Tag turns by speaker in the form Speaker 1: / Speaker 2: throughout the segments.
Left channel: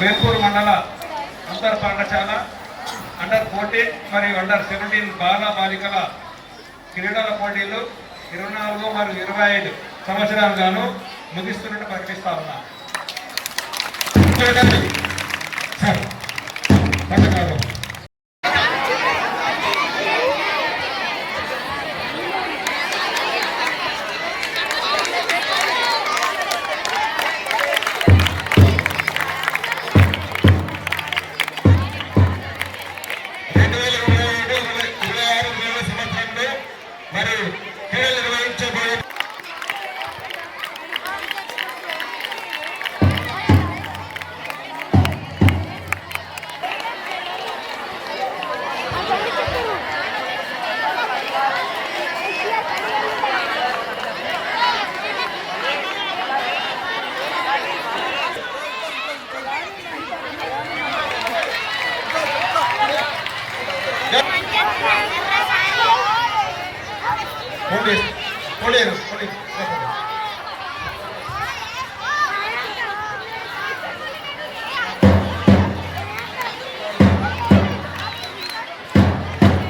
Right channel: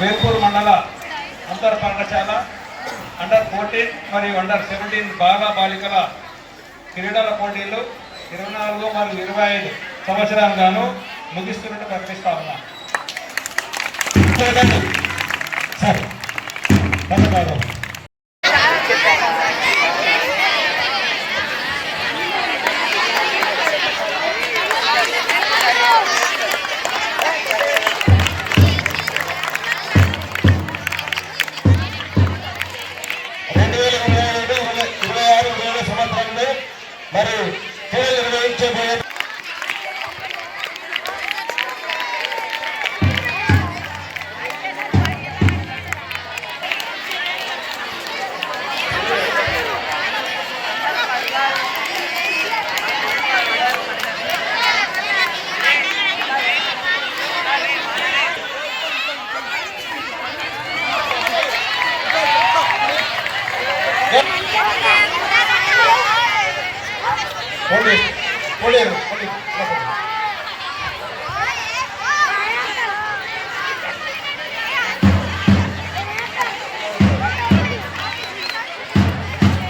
Speaker 1: వేపూరు మండల అంతర్ పాఠశాల అండర్ ఫోర్టీన్ మరియు అండర్ సెవెంటీన్ బాగా బాలికల క్రీడల పోటీలు ఇరవై నాలుగు మరియు ఇరవై ఐదు సంవత్సరాలు గాను ముగిస్తున్నట్టు ప్రకటిస్తా ఉన్నా.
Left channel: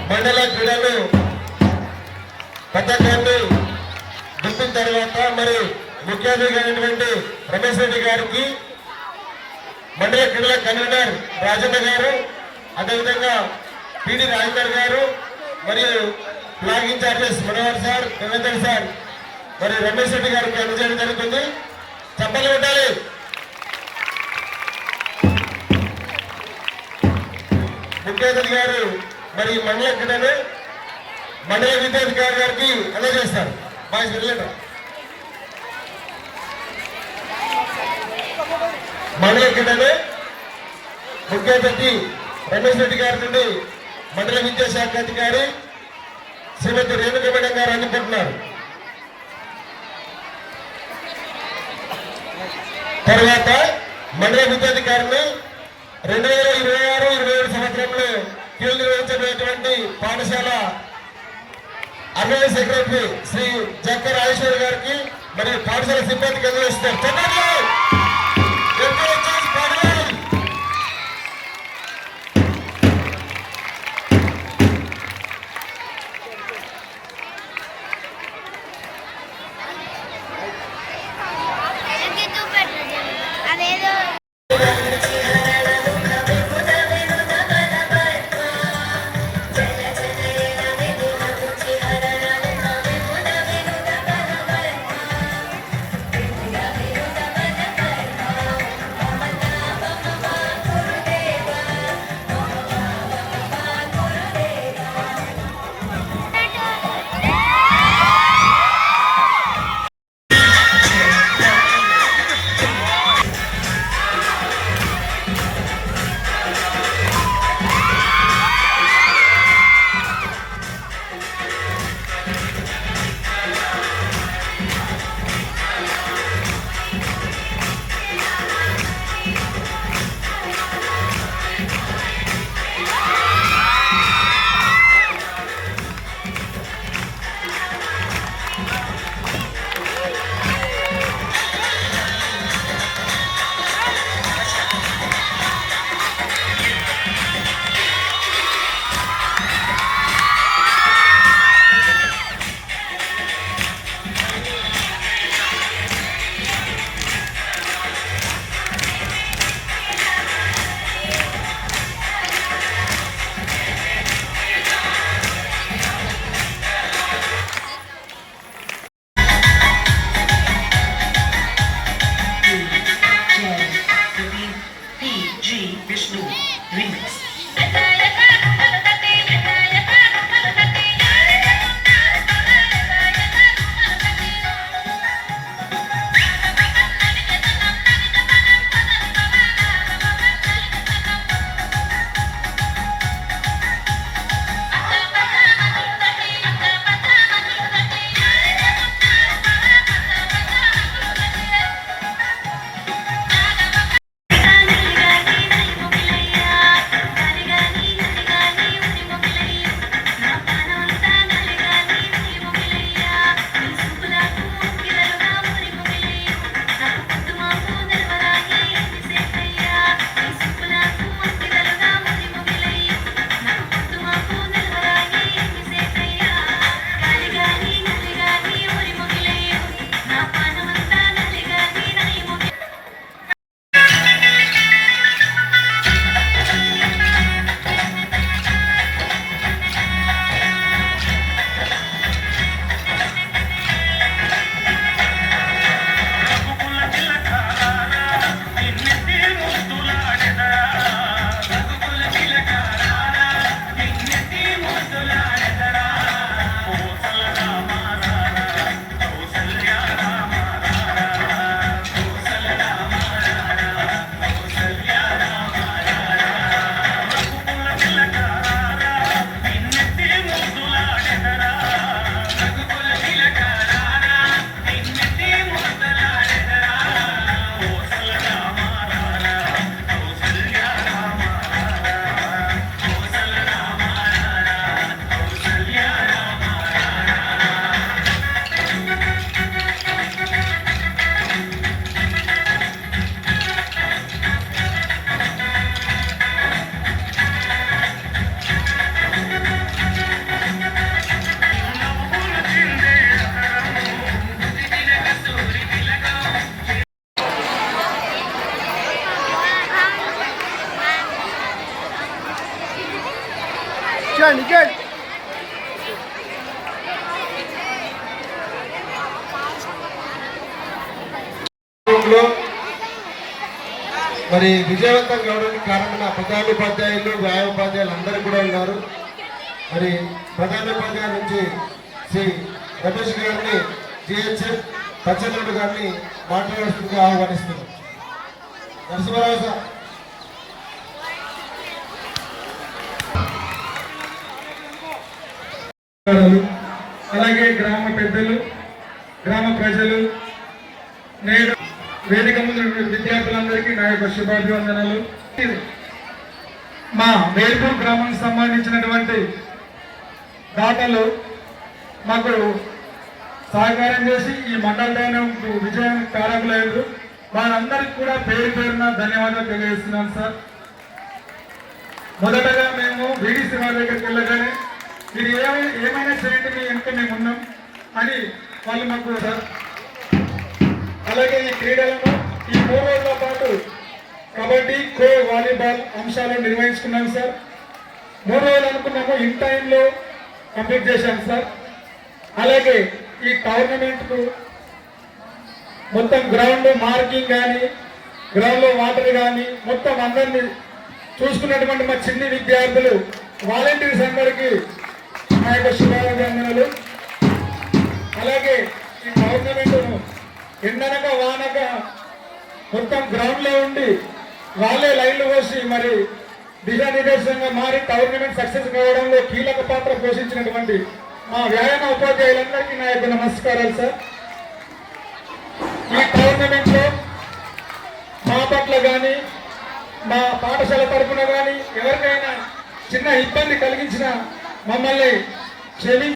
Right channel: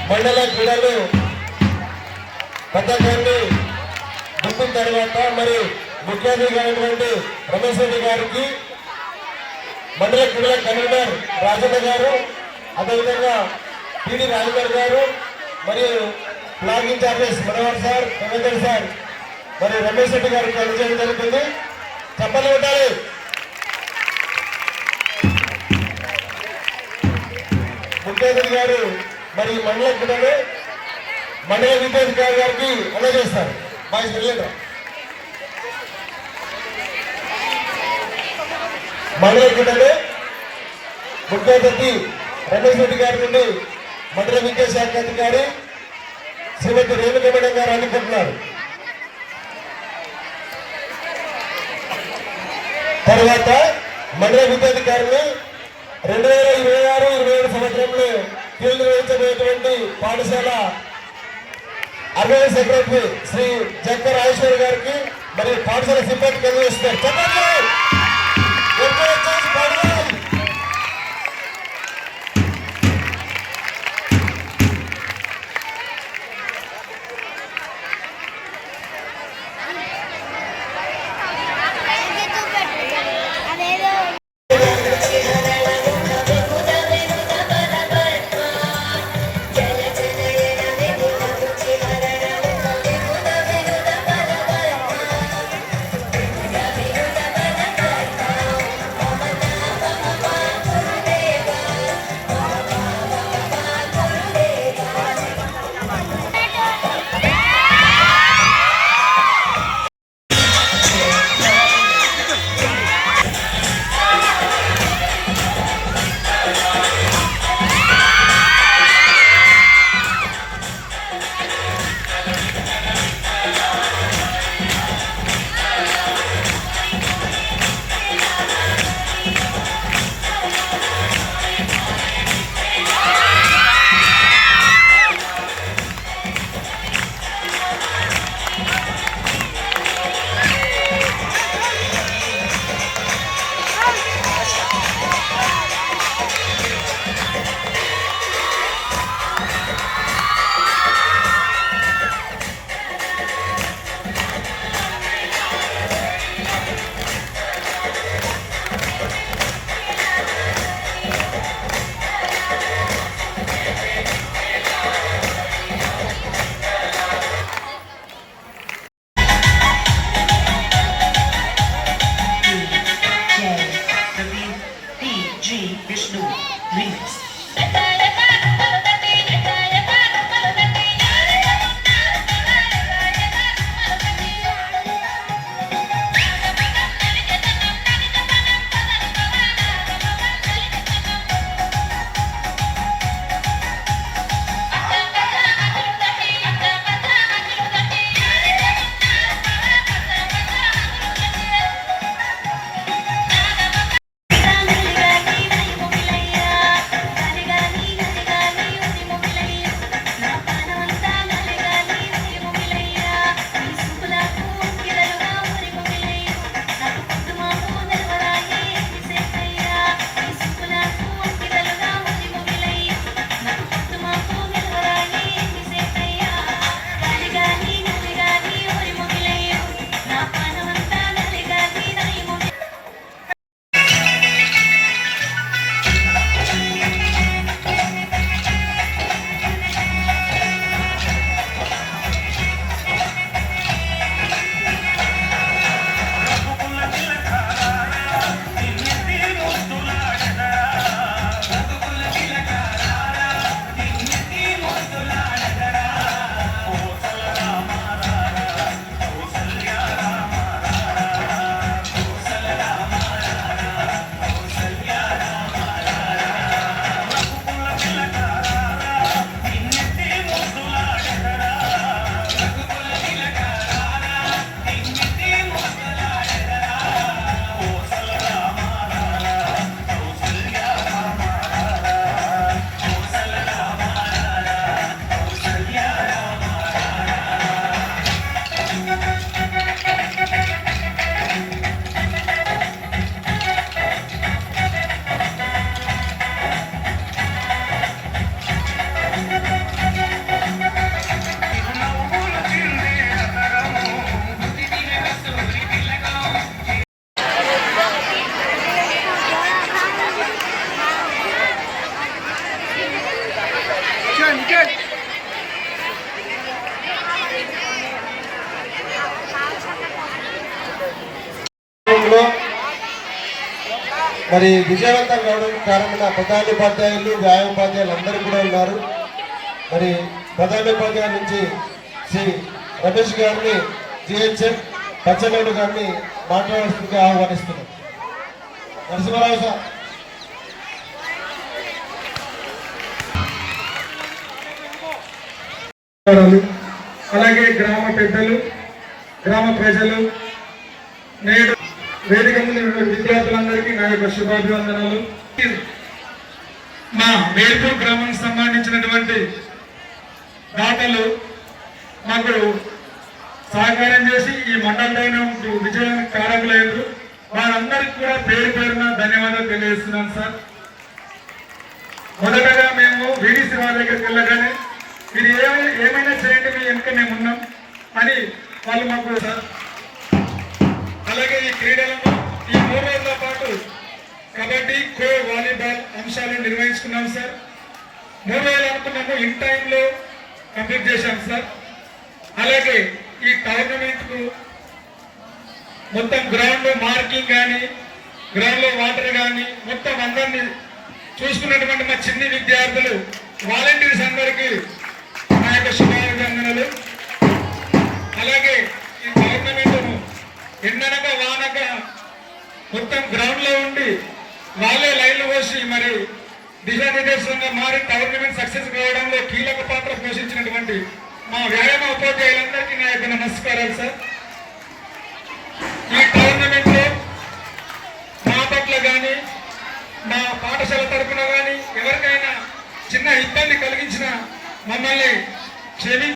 Speaker 2: మండల క్రీడలు పథకాన్ని దింపిన తర్వాత మరి ముఖ్య అతిథిగా అయినటువంటి రమేష్ రెడ్డి గారికి మండల క్రీడల కన్వీనర్ రాజన్న గారు అదేవిధంగా పిడి రాజేందర్ గారు మరియు flag in charges Manohar sir Ravinder sir మరి రమేష్ రెడ్డి గారికి అందజేయడం జరుగుతుంది. చెప్పలు కొట్టాలి. ముఖ్యమంత్రి గారు మరి మండల కూడానే మండల విద్యాధికారి గారికి అందజేస్తారు బాయ్స్ వెళ్ళండి మండల కూడానే ముఖ్య అతిథి రమేష్ రెడ్డి గారి నుండి మండల విద్యాశాఖ అధికారి శ్రీమతి రేణుక మేడం గారు అందుకుంటున్నారు. తర్వాత మండల విద్యాధికారులు రెండు వేల ఇరవై ఆరు ఇరవై ఏడు సంవత్సరంలో కీలు నిర్వహించబోయేటువంటి పాఠశాల అర్వై సెక్రటరీ శ్రీ జక్క రాజేశ్వరి గారికి మరియు పాఠశాల సిబ్బందికి అందజేస్తారు చెప్పండి మరి విజయవంతం కావడానికి కారణమైన ప్రధానోపాధ్యాయులు వ్యాయోపాధ్యాయులు అందరూ కూడా ఉన్నారు. మరి ప్రధానోపాధ్యాయుల నుంచి శ్రీ రమేష్ గారిని జిహెచ్ఎం పచ్చమేడు గారిని మాట్లాడాల్సిందిగా ఆహ్వానిస్తున్నాం. నరసింహరావు సార్.
Speaker 3: అలాగే గ్రామ పెద్దలు గ్రామ ప్రజలు నేడు వేదిక ముందు విద్యార్థులందరికీ నా యొక్క శుభాభివందనాలు. మా వేల్పూర్ గ్రామానికి సంబంధించినటువంటి దాతలు మాకు సహకారం చేసి ఈ మండల విజయం విజయానికి కారకులయ్యారు వారందరికీ కూడా పేరు పేరున ధన్యవాదాలు తెలియజేస్తున్నాను సార్. మొదటగా మేము వీడీసీ వాళ్ళ దగ్గరికి వెళ్ళగానే మీరు ఏమైనా ఏమైనా చేయండి మీ వెనుక మేము ఉన్నాం అని వాళ్ళు మాకు అలాగే ఈ క్రీడలను ఈ మూడు రోజుల పాటు కబడ్డీ ఖో వాలీబాల్ అంశాలు నిర్వహించుకున్నాం సార్. మూడు రోజులు అనుకున్నాము ఇన్ టైంలో కంప్లీట్ చేశాం సార్. అలాగే ఈ టోర్నమెంట్కు మొత్తం గ్రౌండ్ మార్కింగ్ కానీ గ్రౌండ్లో వాటర్ కానీ మొత్తం అందరినీ చూసుకున్నటువంటి మా చిన్ని విద్యార్థులు వాలంటీర్స్ అందరికీ నా యొక్క శుభాభివందనలు అలాగే ఈ టోర్నమెంట్ను ఎండనక వానక మొత్తం గ్రౌండ్లో ఉండి వాళ్ళే లైన్లు పోసి మరి దిశానిర్దేశంగా మారి టోర్నమెంట్ సక్సెస్ కావడంలో కీలక పాత్ర పోషించినటువంటి మా వ్యాయామ ఉపాధ్యాయులందరికీ నా యొక్క నమస్కారాలు సార్. ఈ టోర్నమెంట్లో మా పట్ల కానీ మా పాఠశాల తరపున కానీ ఎవరికైనా చిన్న ఇబ్బంది కలిగించిన మమ్మల్ని క్షమించి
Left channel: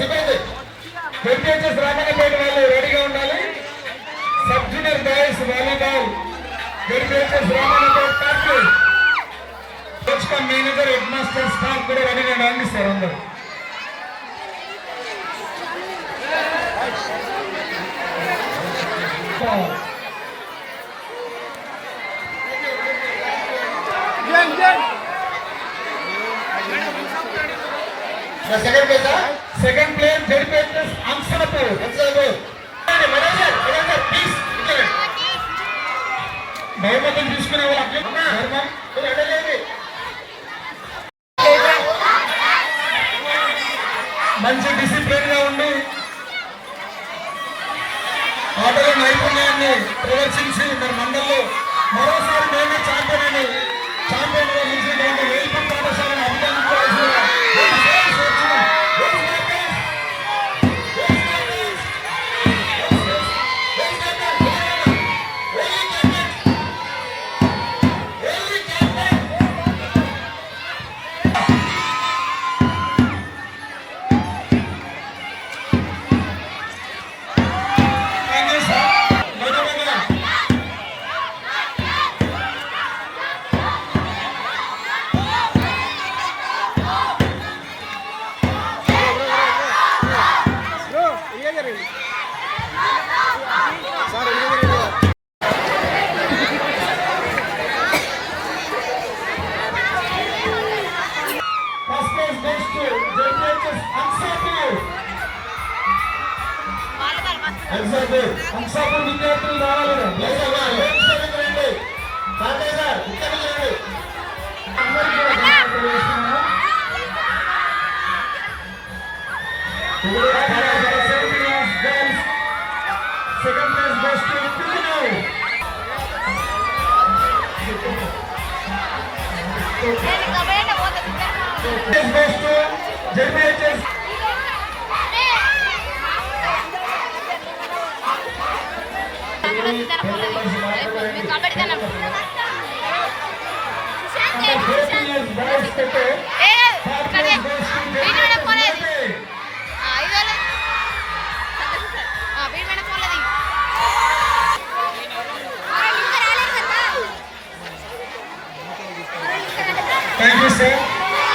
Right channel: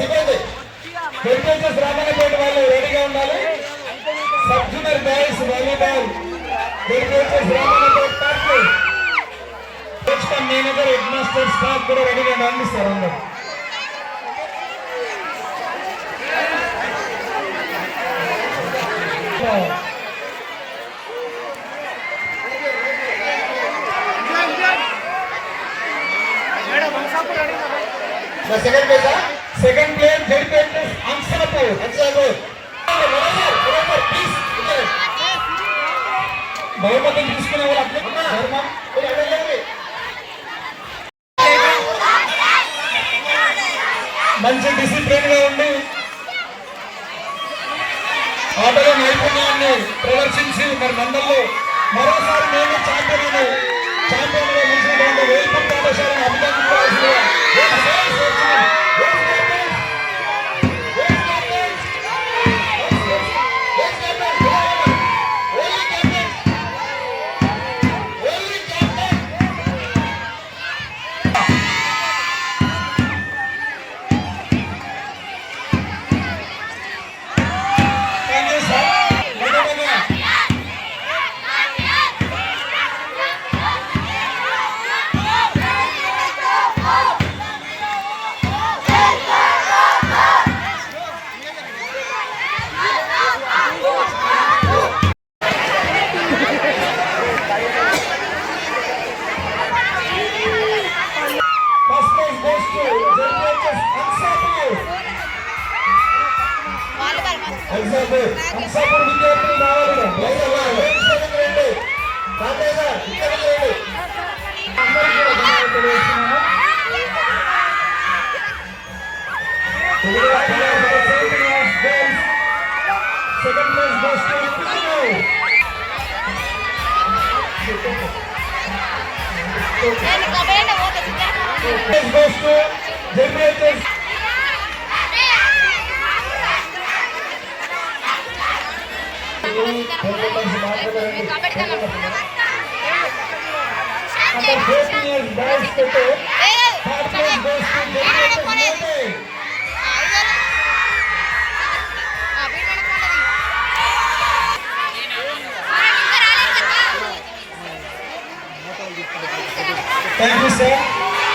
Speaker 3: సిబ్బంది హెరిటేజెస్ రామన్నపేట వాళ్ళు రెడీగా ఉండాలి. Sub junior boys volleyball హెరిటేజెస్ Ramannapet party coach cum manager head master staff కూడా రెడీగా రండి సార్ అందరు.
Speaker 2: మా సెకండ్ పేజా
Speaker 3: సెకండ్ ప్లేయర్ హెరిటేజెస్ అంశాపూర్
Speaker 2: అంశాలు ప్లీజ్
Speaker 3: తీసుకునే వాళ్ళు ధర్మం మంచి డిసిప్లిన్గా ఉండి ఆటలో నైపుణ్యాన్ని ప్రదర్శించి మరి మండల్లో మరోసారి మేము ఛాంపియన్ ఛాంపియన్గా నిలిచినటువంటి వేల్పూర్ పాఠశాలను అభినందించాల్సిన Uhul! Goes to JPHS
Speaker 4: kabaddi
Speaker 2: under 14 years boys పెట్టే third place goes to
Speaker 4: వీడు పోలేదు
Speaker 2: Jyoti.
Speaker 4: ఐదు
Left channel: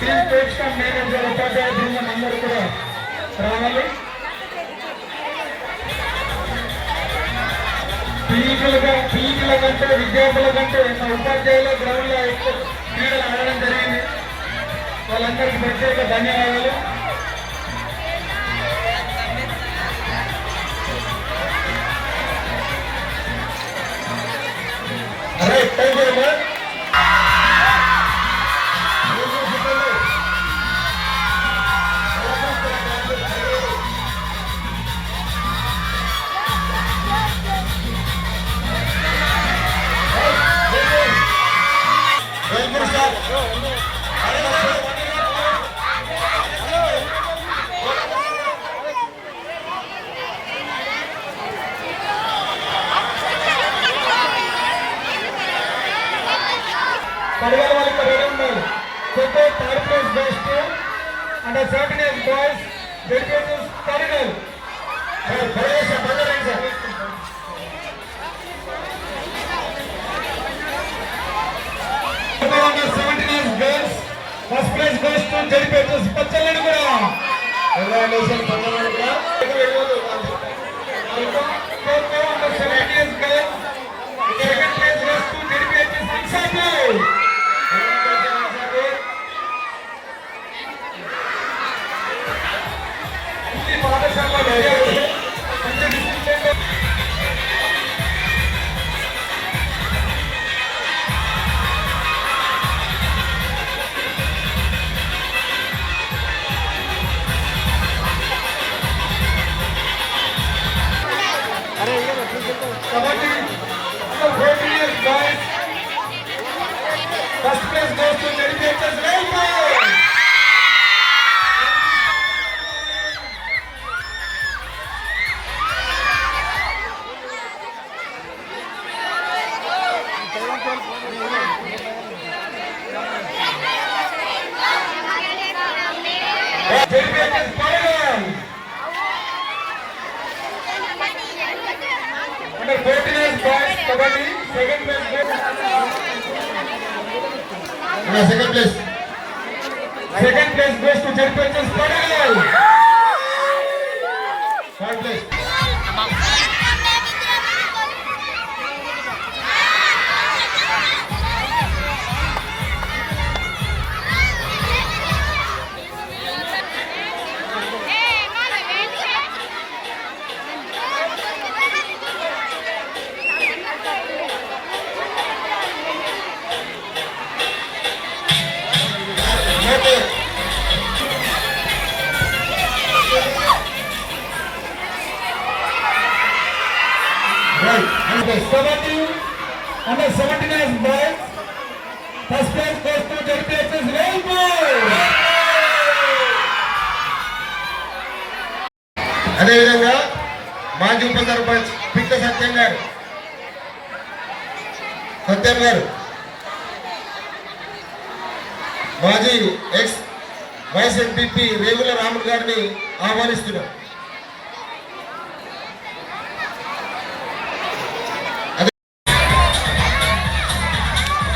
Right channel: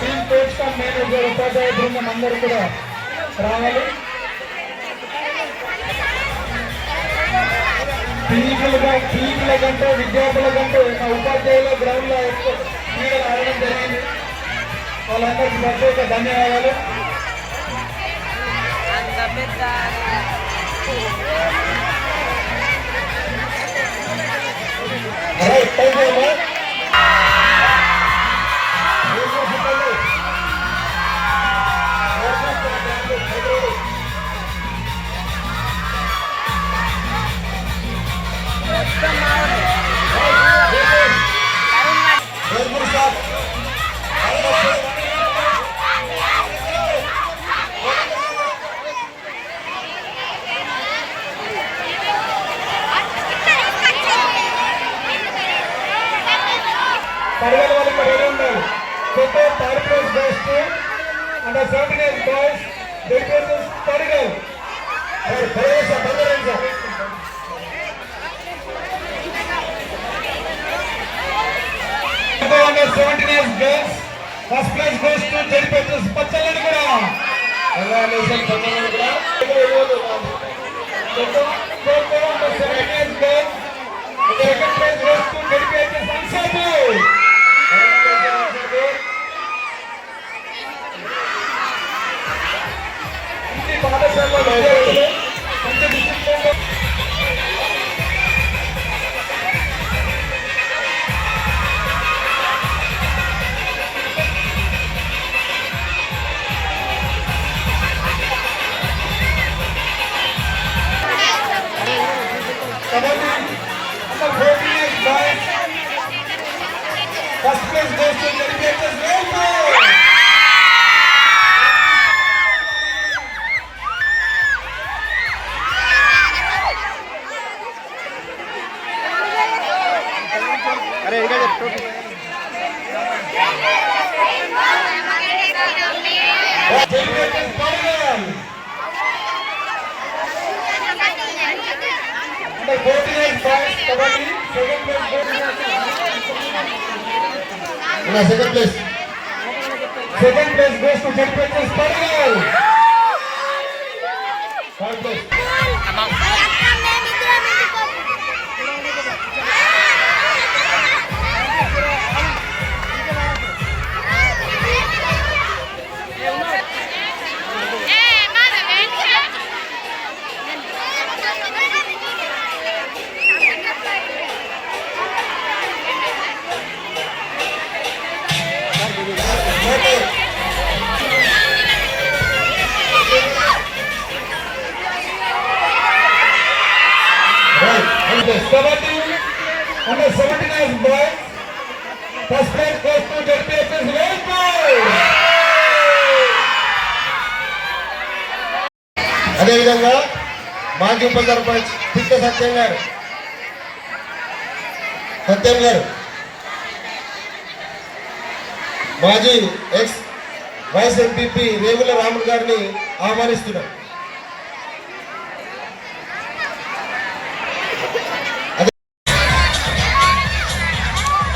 Speaker 3: టీమ్ కోచ్ కమ్ మేనేజర్ ఉపాధ్యాయ బృందం అందరూ కూడా రావాలి. టీములుగా టీముల కంటే విద్యార్థుల కంటే మా ఉపాధ్యాయుల గ్రౌండ్లో ఎక్కువ క్రీడలు ఆడడం జరిగింది. వాళ్ళందరికీ ప్రత్యేక ధన్యవాదాలు.
Speaker 2: Alright, thank
Speaker 3: third place best under seventeen years boys dedication Padagal under seventeen years girls first place goes to dedication పచ్చలని కూడా? Khokho khokho under seventeen years girls second place goes to dedication Ansapur ఈ
Speaker 2: Okay. Sarpanch Pitta Satyam గారు. సత్యం గారు. మాజీ X YS MPP రేగుల రాముడు గారిని ఆహ్వానిస్తున్నారు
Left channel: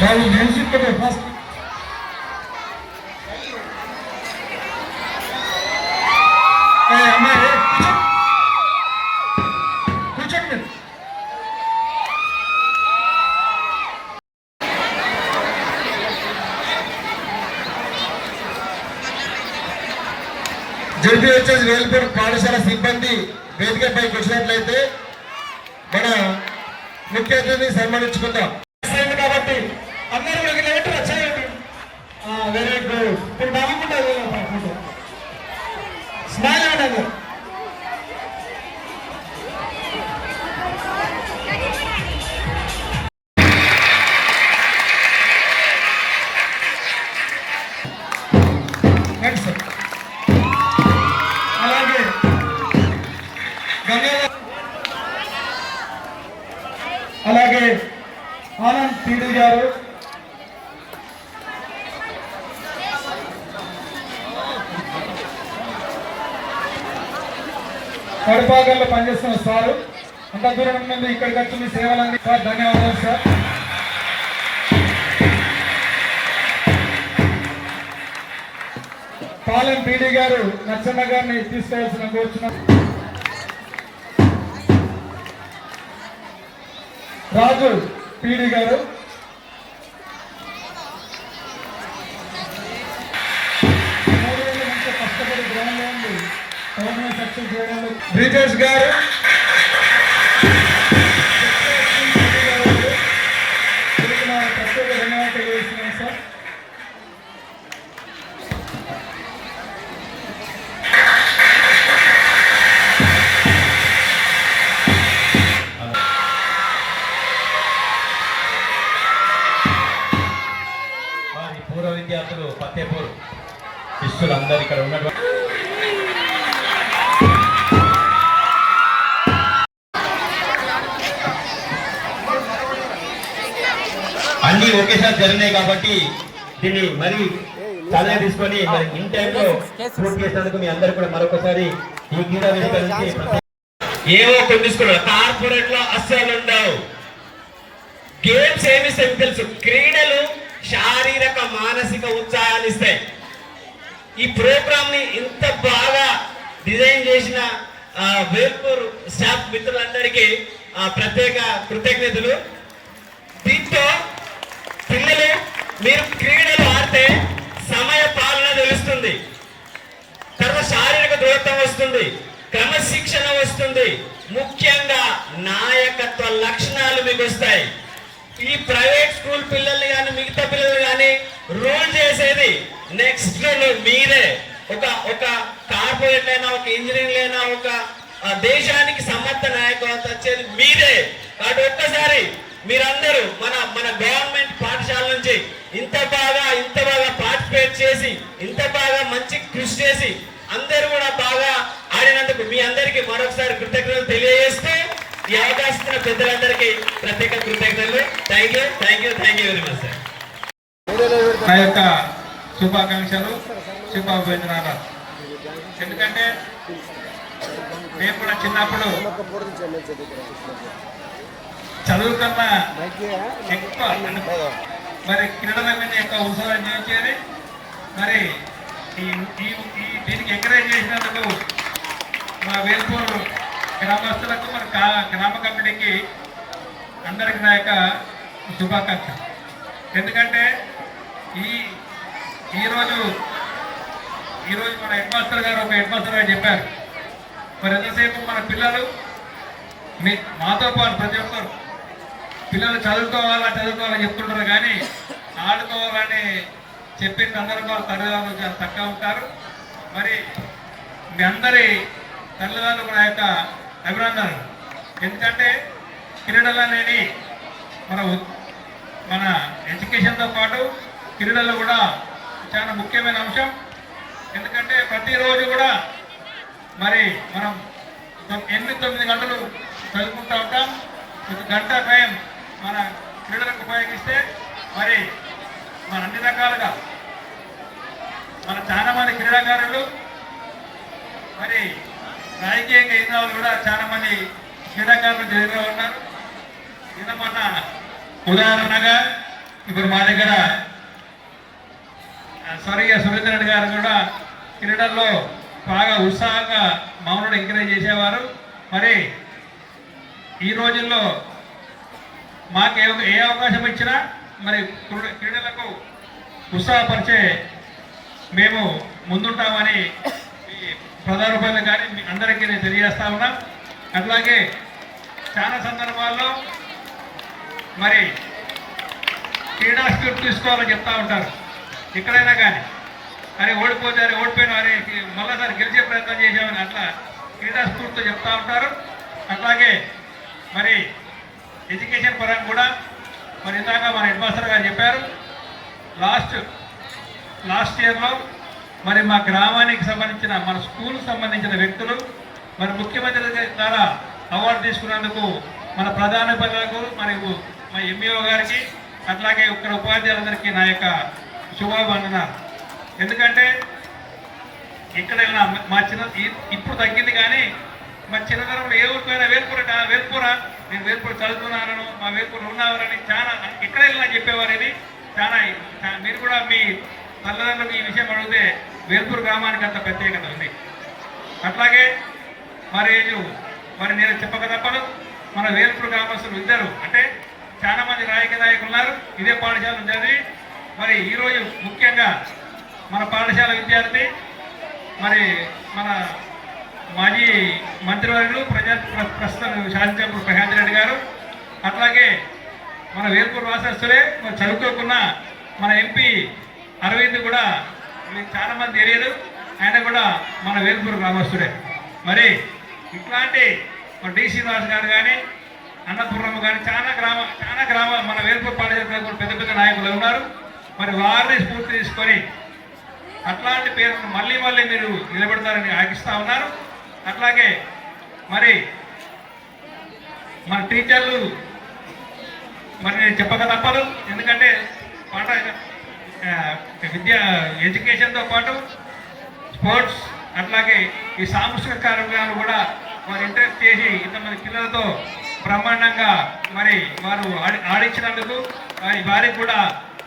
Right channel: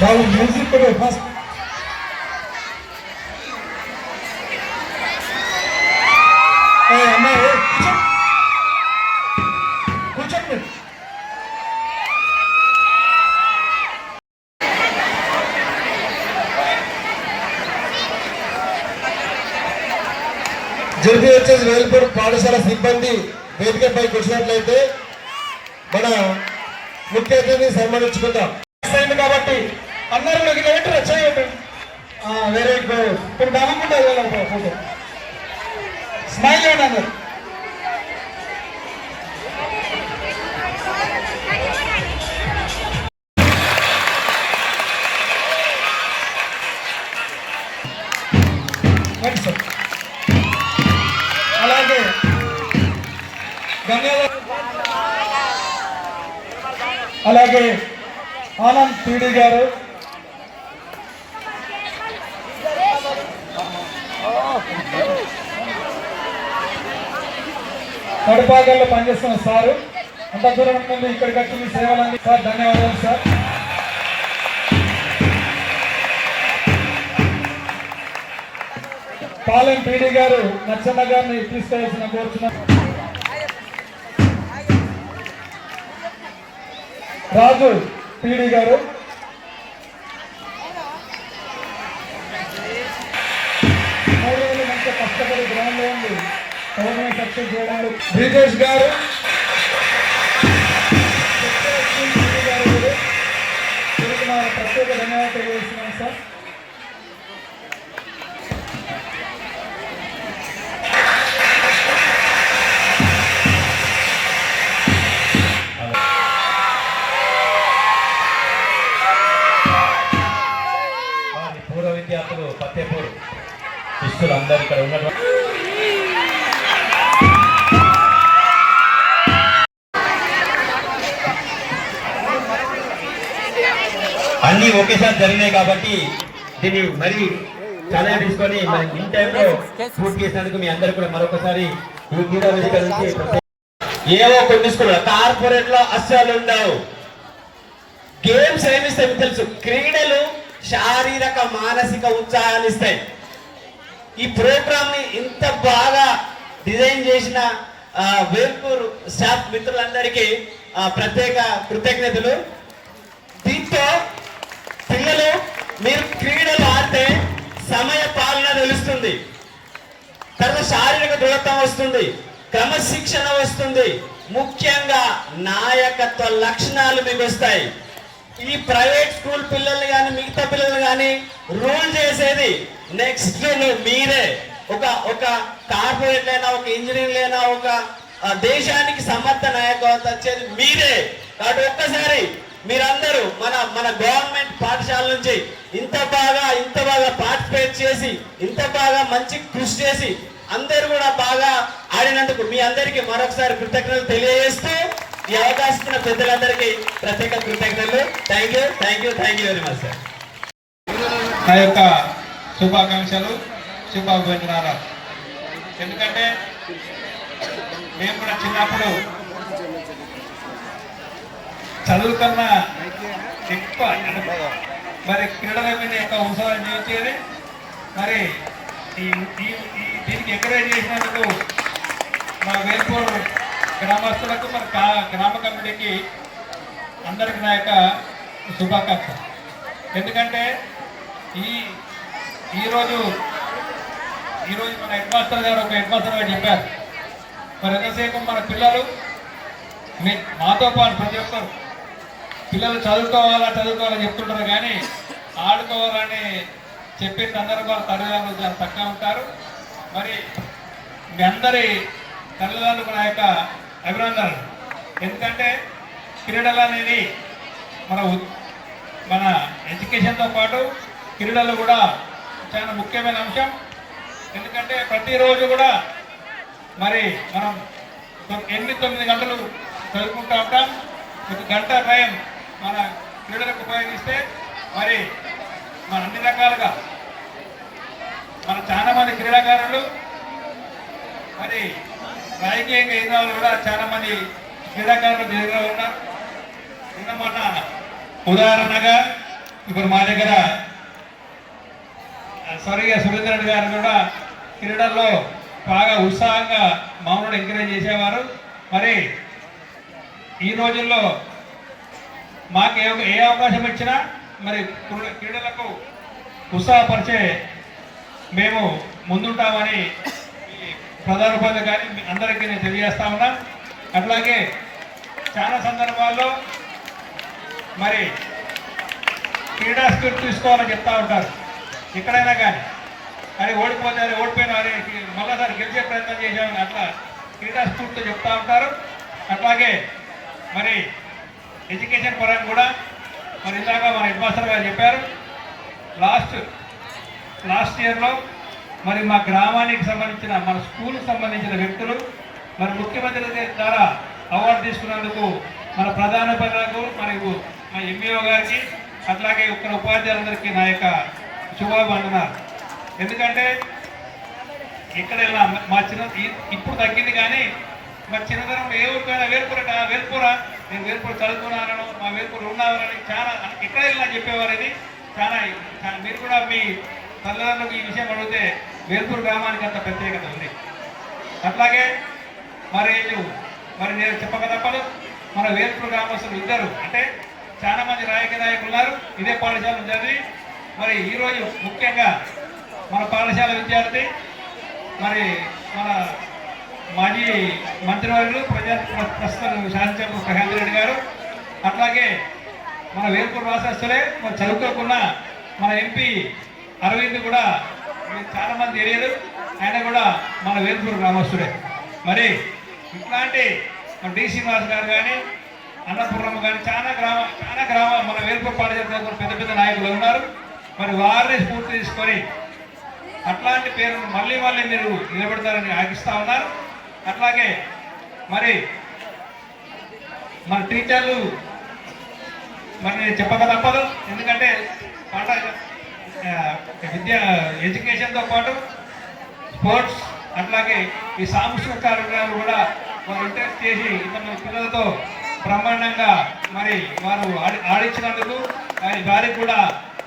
Speaker 3: వాళ్ళు music కదా ఫస్ట్ అమ్మాయి
Speaker 2: జడ్పీహెచ్ఎస్ వేల్పూర్ పాఠశాల సిబ్బంది వేదికపైకి వచ్చినట్లయితే మన ముఖ్య అతిథిని సన్మానించుకుందాం.
Speaker 3: కాబట్టి. అందరూ నాకు ఇట్లా వచ్చాయండి. వెరీ గుడ్ ఇప్పుడు నవ్వుకుంటారు స్మైల్ ఇవ్వండి పనిచేస్తున్న సారు. అంత దూరం నుండి ఇక్కడికి వచ్చి మీ సేవలన్నీ సార్ ధన్యవాదాలు సార్. పాలెం పీడి గారు నచ్చన్న గారిని తీసుకోవాల్సిన కోరుచున్నాం రాజు పీడీ గారు. మూడు రోజులు కష్టపడి గ్రౌండ్లో ఉంది టోర్నమెంట్ సక్సెస్ చేయడంలో బ్రిజేష్ గారు ప్రత్యేక ధన్యవాదాలు తెలియజేస్తున్నాం సార్.
Speaker 5: పూర్వ విద్యార్థులు పత్తేపూర్ శిష్యులు అందరు ఇక్కడ ఉన్నటువంటి అన్ని ఒకేసారి జరిగినాయి కాబట్టి దీన్ని మరి చాలా తీసుకొని ఇన్ టైంలో పూర్తి చేసినందుకు మీ అందరు కూడా మరొకసారి ఈ క్రీడా వేదిక నుంచి ఏవో కొన్ని స్కూల్ కార్పొరేట్లో అస్సలు ఉండవు. గేమ్స్ ఏమి తెలుసు. క్రీడలు శారీరక మానసిక ఉత్సాహాన్ని ఇస్తాయి. ఈ ప్రోగ్రామ్ని ఇంత బాగా డిజైన్ చేసిన వేల్పూర్ స్టాఫ్ మిత్రులందరికీ ప్రత్యేక కృతజ్ఞతలు. దీంతో పిల్లలు మీరు క్రీడలు ఆడితే సమయ పాలన తెలుస్తుంది. తర్వాత శారీరక దృఢత్వం వస్తుంది. క్రమశిక్షణ వస్తుంది. ముఖ్యంగా నాయకత్వ లక్షణాలు మీకు వస్తాయి. ఈ ప్రైవేట్ స్కూల్ పిల్లల్ని కానీ మిగతా పిల్లలు కానీ రూల్ చేసేది నెక్స్ట్ మీరే. ఒక ఒక కార్పొరేట్ అయినా ఒక ఇంజనీర్ అయినా ఒక దేశానికి సమర్థ నాయకత్వం వచ్చేది మీరే. కాబట్టి ఒక్కసారి మీరందరూ మన మన గవర్నమెంట్ పాఠశాల నుంచి ఇంత బాగా ఇంత బాగా పార్టిసిపేట్ చేసి ఇంత బాగా మంచి కృషి చేసి అందరు కూడా బాగా ఆడినందుకు మీ అందరికీ మరొకసారి కృతజ్ఞతలు తెలియజేస్తూ ఈ అవకాశం ఉన్న పెద్దలందరికీ ప్రత్యేక కృతజ్ఞతలు. Thank you thank you thank you very much sir
Speaker 1: నా యొక్క శుభాకాంక్షలు శుభాభివందనాలు. ఎందుకంటే మేము కూడా చిన్నప్పుడు చదువు కన్నా ఎక్కువ మరి క్రీడల మీద ఎక్కువ ఉత్సవాన్ని చేయించేది మరి ఈ దీనికి ఎంకరేజ్ చేసినందుకు మా వేల్పూర్ గ్రామస్తులకు మరి గ్రామ కమిటీకి అందరికి నా యొక్క శుభాకాంక్ష ఎందుకంటే ఈ ఈరోజు ఈరోజు మన హెడ్ మాస్టర్ గారు ఒక హెడ్ మాస్టర్ గారు చెప్పారు. మరి ఎంతసేపు మన పిల్లలు మీ మాతో పాటు ప్రతి ఒక్కరు పిల్లలు చదువుకోవాలా చదువుకోవాలని చెప్తుంటారు కానీ ఆడుకోవాలని చెప్పిన సందర్భాలు తల్లిదండ్రులు చాలా తక్కువ ఉంటారు. మరి మీ అందరి తల్లిదండ్రులకు నా యొక్క అభినందనలు. ఎందుకంటే క్రీడలు అనేది మన మన ఎడ్యుకేషన్తో పాటు క్రీడలు కూడా చాలా ముఖ్యమైన అంశం. ఎందుకంటే ప్రతిరోజు కూడా మరి మనం ఎనిమిది తొమ్మిది గంటలు చదువుకుంటూ ఉంటాం. ఒక గంట టైం మన క్రీడలకు ఉపయోగిస్తే మరి మన అన్ని రకాలుగా మన చాలా మంది క్రీడాకారులు మరి రాజకీయంగా ఎదిగిన వాళ్ళు కూడా చాలా మంది క్రీడాకారులు ఎదిగిన ఉన్నారు. నిన్న మొన్న ఉదాహరణగా ఇప్పుడు మా దగ్గర స్వర్గీయ సురేంద్ర రెడ్డి గారు కూడా క్రీడల్లో బాగా ఉత్సాహంగా మౌనుడు ఎంకరేజ్ చేసేవారు. మరి ఈ రోజుల్లో మాకు ఏ ఏ అవకాశం ఇచ్చినా మరి క్రీడలకు ఉత్సాహపరిచే మేము ముందుంటామని ఈ ప్రధాన ఉపాధి కానీ మీ అందరికీ నేను తెలియజేస్తా ఉన్నా. అట్లాగే చాలా సందర్భాల్లో మరి క్రీడా స్క్రిప్ట్ తీసుకోవాలని చెప్తా ఉంటారు. ఎక్కడైనా కానీ. అరే ఓడిపోతే అరే ఓడిపోయిన అరే మళ్ళీసారి గెలిచే ప్రయత్నం చేసామని అట్లా క్రీడా స్ఫూర్తితో చెప్తా ఉంటారు. అట్లాగే మరి ఎడ్యుకేషన్ పరంగా కూడా మరి ఇందాక మన హెడ్ మాస్టర్ గారు చెప్పారు. లాస్ట్ లాస్ట్ ఇయర్లో మరి మా గ్రామానికి సంబంధించిన మన స్కూల్కి సంబంధించిన వ్యక్తులు మరి ముఖ్యమంత్రి ద్వారా అవార్డు తీసుకున్నందుకు మన ప్రధాన ప్రధానోపాధ్యాయులకు మరియు మా ఎంఈఓ గారికి అట్లాగే ఇక్కడ ఉపాధ్యాయులందరికీ నా యొక్క శుభాభివందనాలు. ఎందుకంటే ఎక్కడైనా మా చిన్న ఇప్పుడు తగ్గింది కానీ మా చిన్నతనంలో ఏ ఊరికైనా వేల్పూర వేల్పూరా నేను వేల్పూర చదువుతున్నారను మా వేల్పూర ఉన్నారని చాలా ఎక్కడ వెళ్ళినా చెప్పేవారు ఇది. చాలా మీరు కూడా మీ తల్లిదండ్రులకు ఈ విషయం అడిగితే వేల్పూర్ గ్రామానికి అంత ప్రత్యేకత ఉంది. అట్లాగే మరి మరి నేను చెప్పక తప్పదు. మన వేల్పూర్ గ్రామస్తులు ఇద్దరు అంటే చాలా మంది నాయక నాయకులు ఉన్నారు. ఇదే పాఠశాల చదివి మరి ఈరోజు ముఖ్యంగా మన పాఠశాల విద్యార్థి మరి మన మాజీ మంత్రివర్యులు ప్రజా ప్రస్తుతం శాసనసభ్యులు ప్రశాంత్ రెడ్డి గారు అట్లాగే మన వేల్పూర్ వాసస్తులే మరి చదువుకోకున్న మన ఎంపీ అరవింద్ కూడా చాలామంది చాలా మంది తెలియదు. ఆయన కూడా మన వేల్పూర్ గ్రామస్తుడే మరి ఇట్లాంటి మన డి శ్రీనివాస్ గారు కానీ అన్నపూర్ణమ్మ కానీ చాలా గ్రామ చాలా గ్రామ మన వేల్పూర్ పాఠశాల పెద్ద పెద్ద నాయకులు ఉన్నారు. మరి వారిని స్ఫూర్తి తీసుకొని అట్లాంటి పేరును మళ్ళీ మళ్ళీ మీరు నిలబెడతారని ఆశిస్తా ఉన్నారు. అట్లాగే మరి మన టీచర్లు మరి నేను చెప్పక తప్పదు ఎందుకంటే పాఠ విద్య ఎడ్యుకేషన్తో పాటు స్పోర్ట్స్ అట్లాగే ఈ సాంస్కృతిక కార్యక్రమాలు కూడా వారు ఇంట్రెస్ట్ చేసి ఇంతమంది పిల్లలతో బ్రహ్మాండంగా మరి వారు ఆడి ఆడించినందుకు వారి వారికి కూడా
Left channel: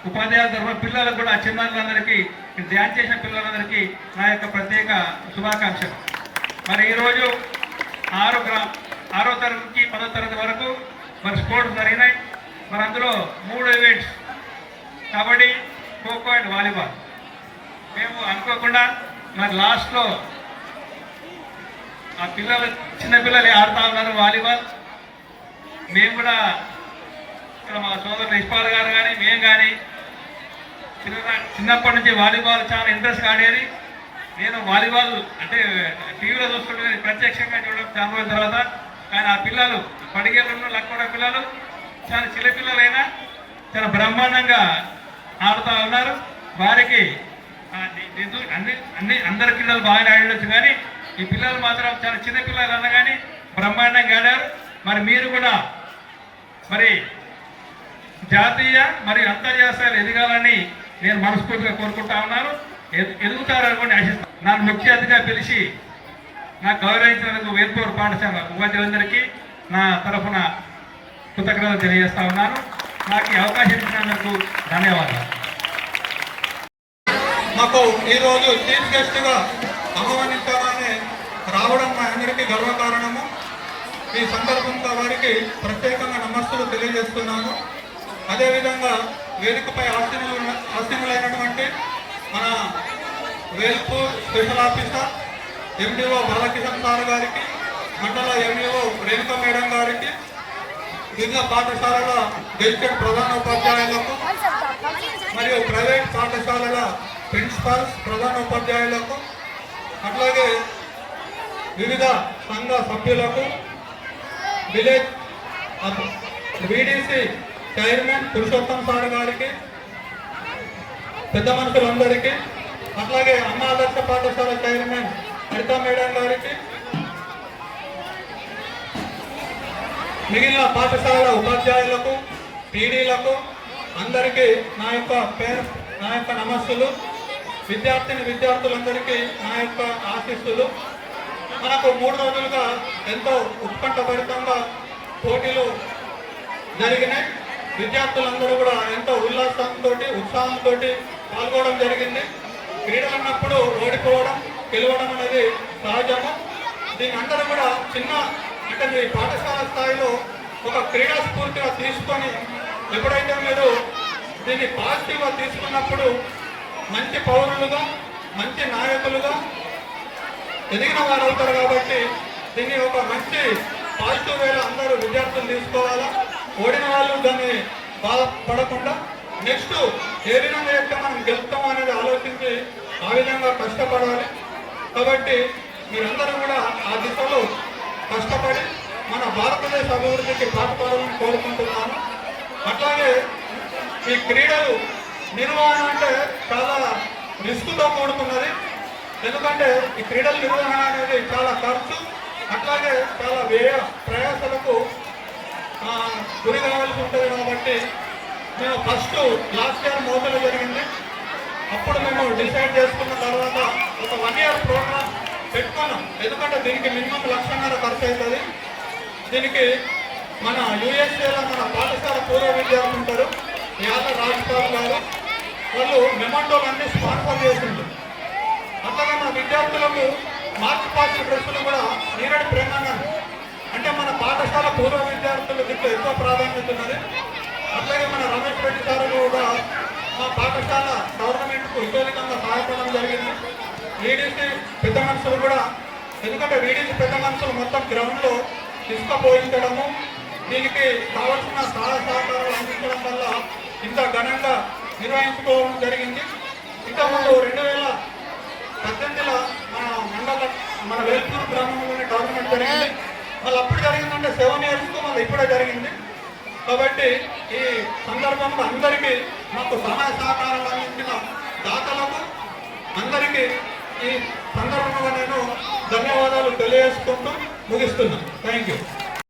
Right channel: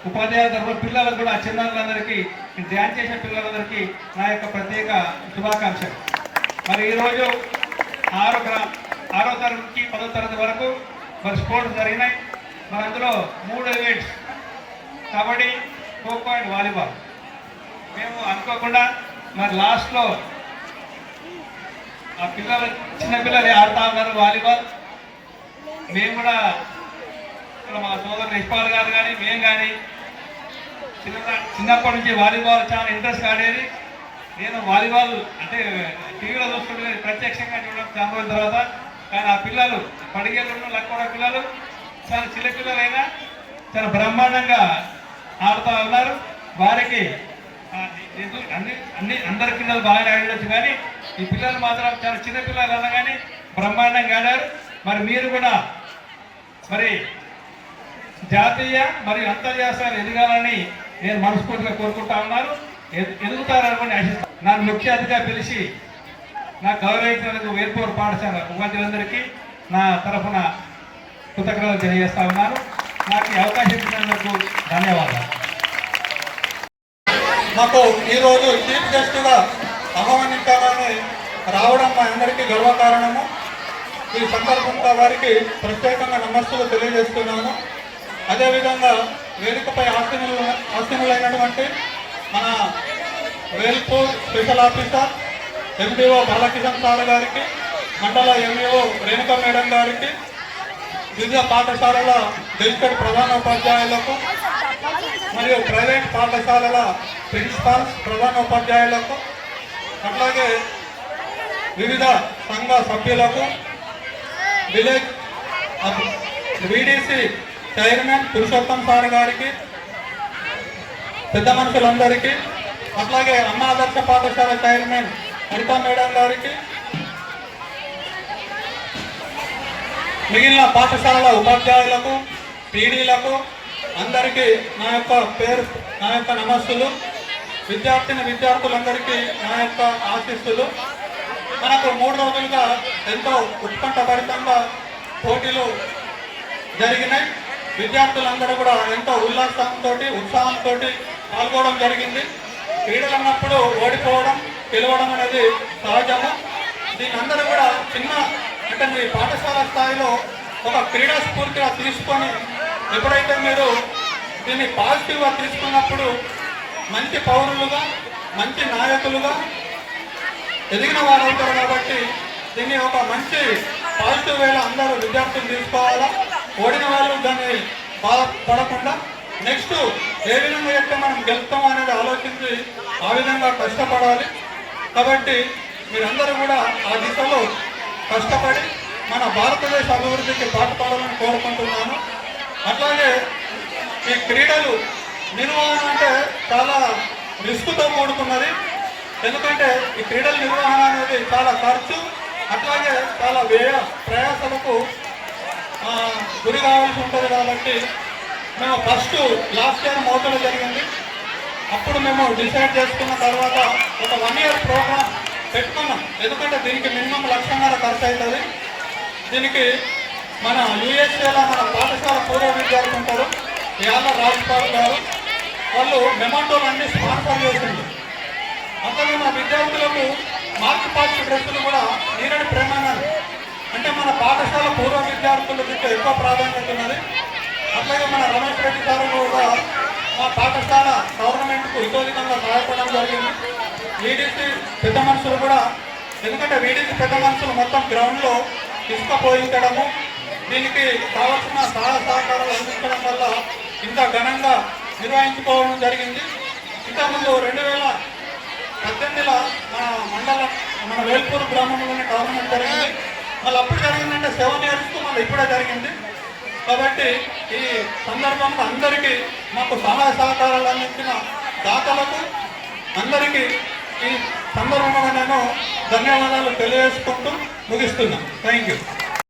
Speaker 1: ఉపాధ్యాయుల తరఫున పిల్లలకు కూడా చిన్నారులందరికీ ధ్యాన్ చేసిన పిల్లలందరికీ నా యొక్క ప్రత్యేక శుభాకాంక్షలు. మరి ఈరోజు ఆరో గ్రా- ఆరో తరగతి నుంచి పదో తరగతి వరకు మరి స్పోర్ట్స్ జరిగినాయి. మరి అందులో మూడు events kabaddi khokho and volleyball. మేము అనుకోకుండా మరి లాస్ట్లో ఆ పిల్లలు చిన్నపిల్లలు ఆడుతూ ఉన్నారు వాలీబాల్. మేము కూడా ఇక్కడ మా సోదరులు ఇష్పాల్ గారు కానీ మేము కానీ చిన్న చిన్నప్పటి నుంచి వాలీబాల్ చాలా ఇంట్రెస్ట్ ఆడేది. నేను వాలీబాల్ అంటే టీవీలో చూస్తుంటే కానీ ప్రత్యక్షంగా చూడడం చాలా తర్వాత. కానీ ఆ పిల్లలు పడిగేళ్ళలో లక్కడ పిల్లలు చాలా చిన్న పిల్లలైనా చాలా బ్రహ్మాండంగా ఆడుతూ ఉన్నారు. వారికి అన్ని అన్ని అందరి పిల్లలు బాగా ఆడవచ్చు కానీ ఈ పిల్లలు మాత్రం చాలా చిన్న పిల్లలు అన్న కానీ బ్రహ్మాండంగా ఆడారు. మరి మీరు కూడా మరి జాతీయ మరియు అంతర్జాతీయాలు ఎదగాలని నేను మనస్ఫూర్తిగా కోరుకుంటా ఉన్నాను ఎందుకు ఎదుగుతారని ఆశిస్తాను నన్ను ముఖ్య అతిథిగా పిలిచి నాకు గౌరవించినందుకు వేర్పూర్ పాఠశాల ఉపాధ్యులందరికీ నా తరఫున కృతజ్ఞతలు తెలియజేస్తా ఉన్నాను. నాకు ఈ అవకాశం ఇచ్చినందుకు ధన్యవాదాలు.
Speaker 6: మాకు ఈరోజు చీఫ్ గెస్ట్గా ఆహ్వానించామని రావడం మా అందరికీ గర్వకారణము ఈ సందర్భంగా వారికి ప్రత్యేకంగా నమస్తులు తెలియజేస్తున్నాము అదేవిధంగా వేదికపై ఆశీనులు ఆస్తిములైనటువంటి మన Velpur special officer MDO Balakishan sir గారికి మండల ఎంఈఓ రేణుకా మేడం గారికి వివిధ పాఠశాలల గెలిచిన ప్రధానోపాధ్యాయులకు మరియు ప్రైవేట్ పాఠశాలల ప్రిన్సిపాల్స్ ప్రధానోపాధ్యాయులకు అట్లాగే వివిధ సంఘ సభ్యులకు village BDC chairman Purushotham sir గారికి పెద్ద మనుషులందరికీ అట్లాగే అన్నా ఆదర్శ పాఠశాల చైర్మన్ హరితా మేడం గారికి మిగిలిన పాఠశాల ఉపాధ్యాయులకు పీడీలకు అందరికీ నా యొక్క పేరు నా యొక్క నమస్సులు. విద్యార్థిని విద్యార్థులందరికీ నా యొక్క ఆశీస్సులు. మనకు మూడు రోజులుగా ఎంతో ఉత్కంఠభరితంగా పోటీలు జరిగినాయి. విద్యార్థులందరూ కూడా ఎంతో ఉల్లాసంతో ఉత్సాహంతో పాల్గొనడం జరిగింది. క్రీడలు అన్నప్పుడు ఓడిపోవడం గెలవడం అనేది సహజము. దీని అందరూ కూడా చిన్న అంటే మీ పాఠశాల స్థాయిలో ఒక క్రీడా స్ఫూర్తిగా తీసుకొని ఎప్పుడైతే మీరు దీన్ని పాజిటివ్గా తీసుకున్నప్పుడు మంచి పౌరులుగా మంచి నాయకులుగా ఎదిగిన వారు అవుతారు కాబట్టి దీన్ని ఒక మంచి పాజిటివ్ వేలో అందరూ విద్యార్థులు తీసుకోవాలా? ఓడిన వాళ్ళు దాన్ని బాధపడకుండా నెక్స్ట్ ఏ విధంగా అయితే మనం గెలుస్తాం అనేది ఆలోచించి ఆ విధంగా కష్టపడాలి. కాబట్టి మీరందరూ కూడా ఆ దిశలో కష్టపడి మన భారతదేశ అభివృద్ధికి పాటుపడాలని కోరుకుంటున్నాను. అట్లాగే ఈ క్రీడలు నిర్వహణ అంటే చాలా రిస్క్తో కూడుకున్నది ఎందుకంటే ఈ క్రీడల నిర్వహణ అనేది చాలా ఖర్చు అట్లాగే చాలా వ్యయ ప్రయాసలకు గురి కావాల్సి ఉంటుంది కాబట్టి మేము ఫస్ట్ లాస్ట్ ఇయర్ మోతలో జరిగింది. అప్పుడు మేము డిసైడ్ చేసుకున్న తర్వాత ఒక వన్ ఇయర్ ప్రోగ్రామ్ పెట్టుకున్నాం. ఎందుకంటే దీనికి మినిమం లక్షన్నర ఖర్చు అవుతుంది. దీనికి మన యూఎస్ఏలో మన పాఠశాల పూర్వ విద్యార్థులు ఉంటారు. యాద రాజపాల్ గారు వాళ్ళు మెమంటోలు అన్ని స్పాన్సర్ చేసింది. అట్లాగే మన విద్యార్థులకు మార్క్ పాస్ డ్రెస్సులు కూడా నేనటి ప్రేమగా అంటే మన పాఠశాల పూర్వ విద్యార్థులకు ఎక్కువ ప్రాధాన్యత ఉన్నది. అట్లాగే మన రమేష్ రెడ్డి సార్ కూడా మా పాఠశాల గవర్నమెంట్కు ఇతోధికంగా సహాయపడడం జరిగింది. వీడిసి పెద్ద మనుషులు కూడా ఎందుకంటే వీడిసి పెద్ద మనుషులు మొత్తం గ్రౌండ్లో ఇసుక పోయించడము దీనికి కావాల్సిన సహాయ సహకారాలు అందించడం వల్ల ఇంత ఘనంగా నిర్వహించుకోవడం జరిగింది. ఇంతకుముందు రెండు వేల పద్దెనిమిదిలో మన మండల మన వేల్పూర్ గ్రామంలోనే గవర్నమెంట్ జరిగింది. మళ్ళీ అప్పుడు జరిగిందంటే సెవెన్ ఇయర్స్ మళ్ళీ ఇప్పుడే జరిగింది. కాబట్టి ఈ సందర్భంలో అందరికీ మాకు సహాయ సహకారాలు అందించిన దాతలకు అందరికీ ఈ సందర్భంగా నేను ధన్యవాదాలు తెలియజేసుకుంటూ ముగిస్తున్నాను థ్యాంక్ యూ